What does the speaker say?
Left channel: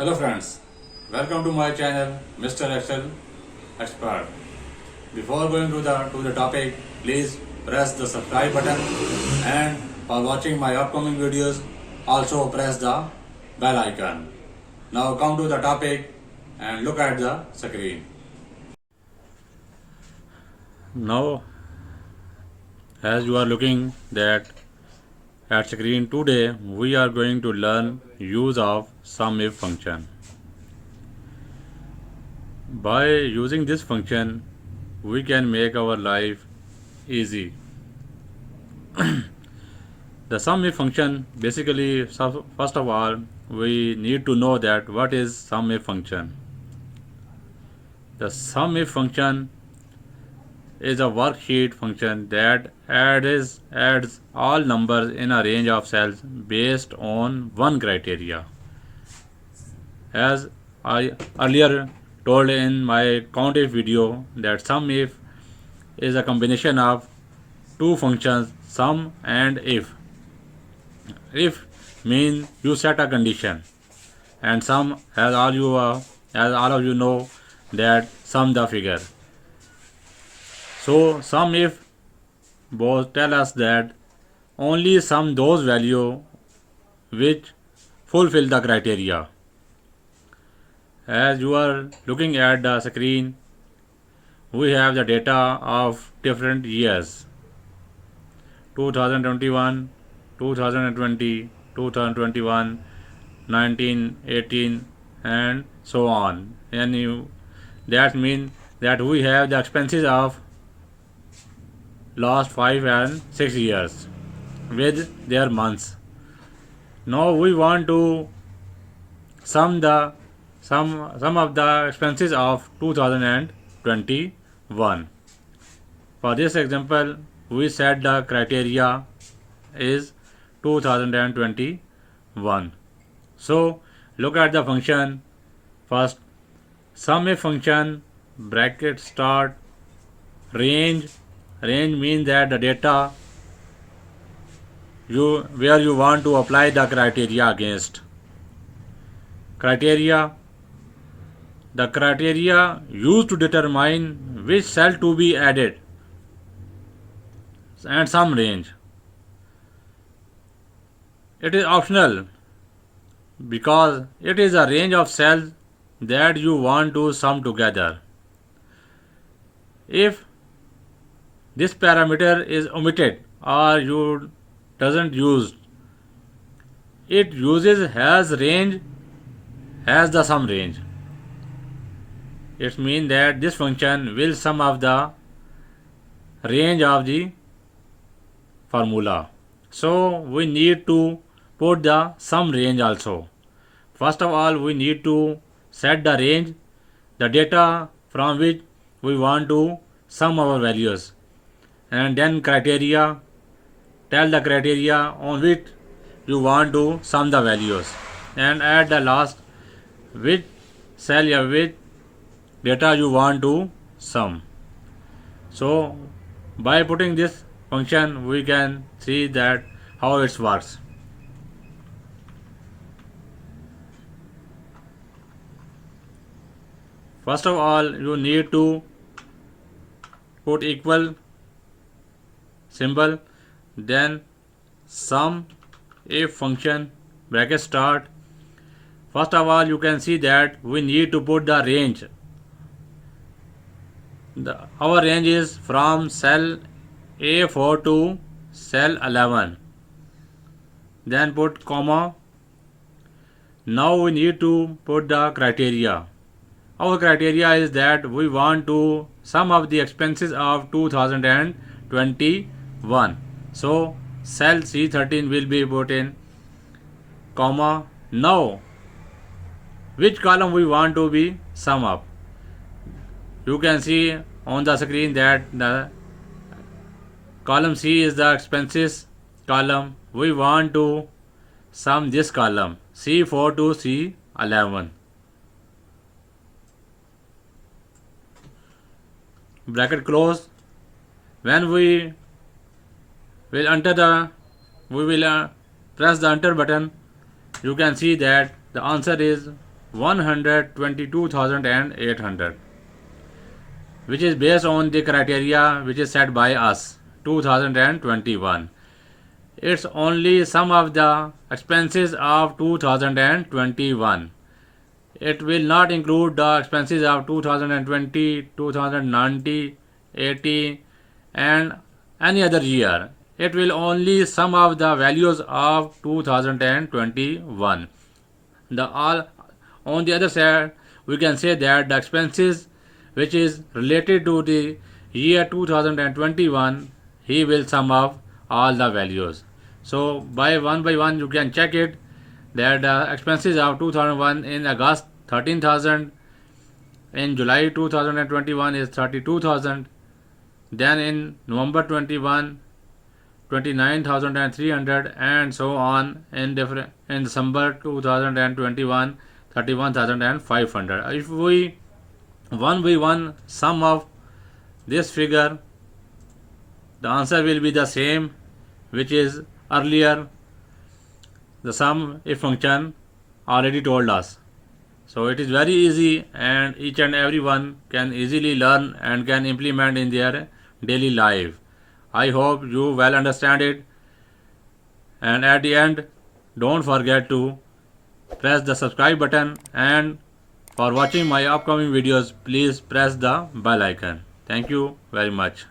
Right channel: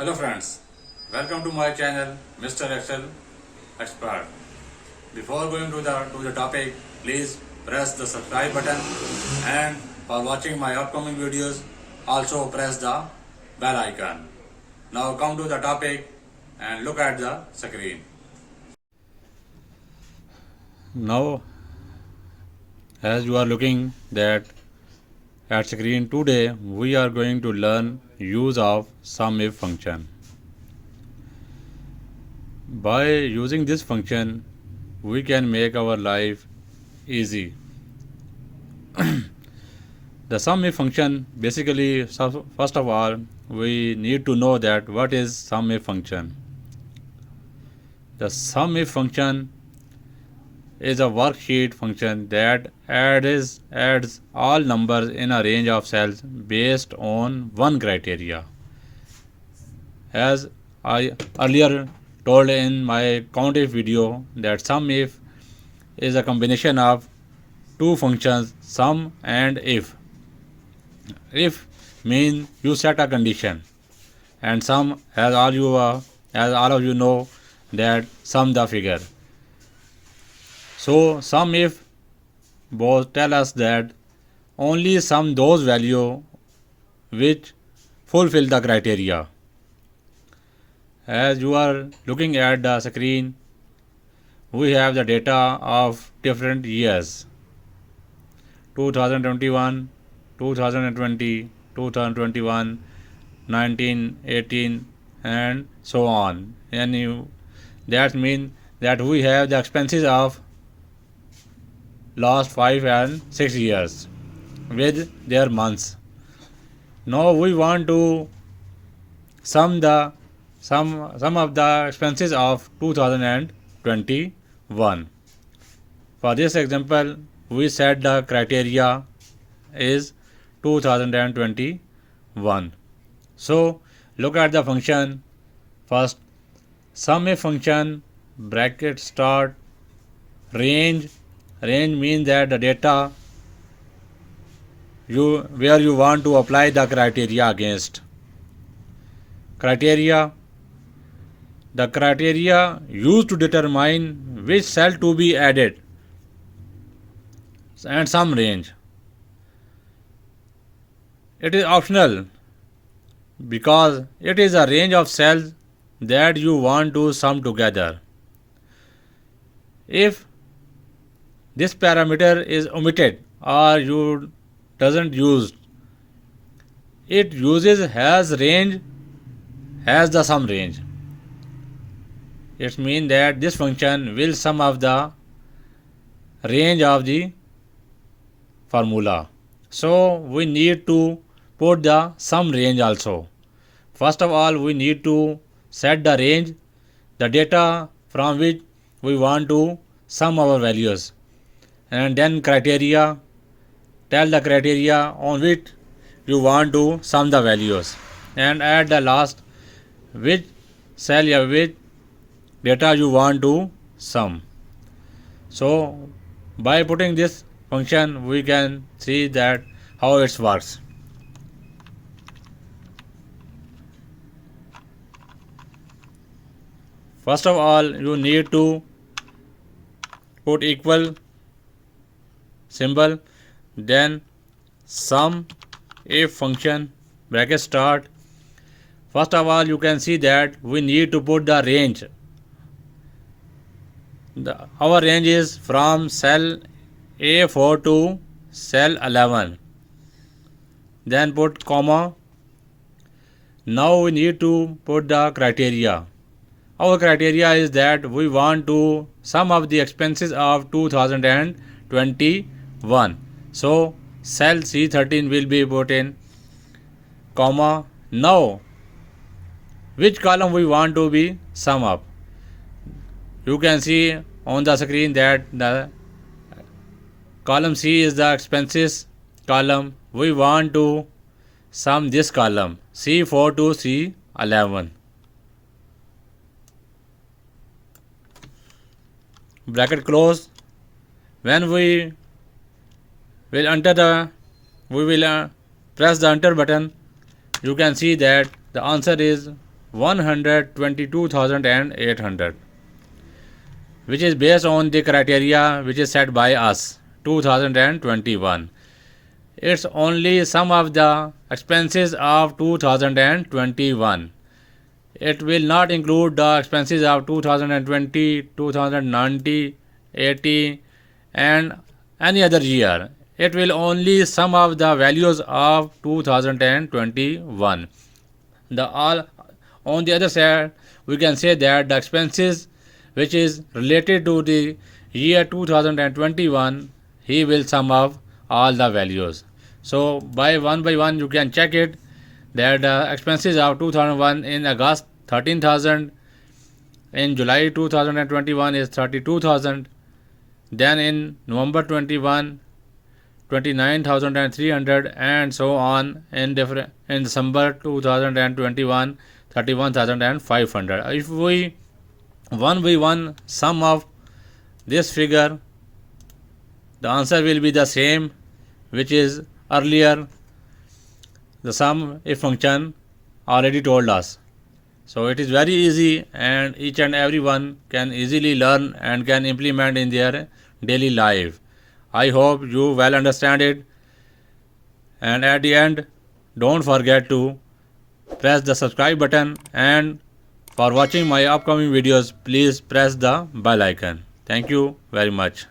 Hello friends, welcome to my channel Mr. Excel Expert. Before going to the topic, please press the subscribe button, and for watching my upcoming videos also press the bell icon. Now come to the topic and look at the screen. Now as you are looking that at screen, today we are going to learn use of Sumif function. By using this function, we can make our life easy. The Sumif function, basically, first of all, we need to know that what is Sumif function. The Sumif function is a worksheet function that adds all numbers in a range of cells based on one criteria. As I earlier told in my count if video, that SUMIF is a combination of two functions, sum and if. If means you set a condition, and sum, as all of you know, that sum the figure. So sum if both tell us that only sum those values which fulfill the criteria. As you are looking at the screen, we have the data of different years: 2021, 2020, 2021, 1918, and so on. And that means that we have the expenses of last 5 and 6 years with their months. Now we want to sum of the expenses of 2021. For this example, we set the criteria is 2021. So look at the function first. Sum a function, bracket start, range means that the data where you want to apply the criteria against. Criteria, the criteria used to determine which cell to be added, and some range. It is optional because it is a range of cells that you want to sum together. If this parameter is omitted or you doesn't use, it uses has range as the sum range. It means that this function will sum of the range of the formula. So we need to put the sum range also. First of all, we need to set the range, the data from which we want to sum our values, and then criteria, tell the criteria on which you want to sum the values, and at the last which cell or which data you want to sum. So by putting this function, we can see that how it works. First of all, you need to put equal symbol, then sum if function, bracket start. First of all, you can see that we need to put the range. Our range is from cell A4 to cell 11. Then put comma. Now we need to put the criteria. Our criteria is that we want to sum of the expenses of 2021. So cell C13 will be put in, comma. Now which column we want to be sum up. You can see on the screen that the column C is the expenses column. We want to sum this column C4 to C11. Bracket close. When we will press the enter button, you can see that the answer is 122,800, which is based on the criteria which is set by us 2021. It's only some of the expenses of 2021. It will not include the expenses of 2020, 2090, 80 and any other year. It will only sum of the values of 2021. The all on the other side, we can say that the expenses which is related to the year 2021, he will sum up all the values. So by one you can check it that the expenses of 2001 in August 13,000, in July 2021 is 32,000, then in November 21 29,300 and so on in different in December 2021 31,500. If we one by one sum of this figure, the answer will be the same which is earlier the sum if function already told us. So it is very easy and each and everyone can easily learn and can implement in their daily life. I hope you well understand it, and at the end don't forget to press the subscribe button, and for watching my upcoming videos please press the bell icon. Thank you very much.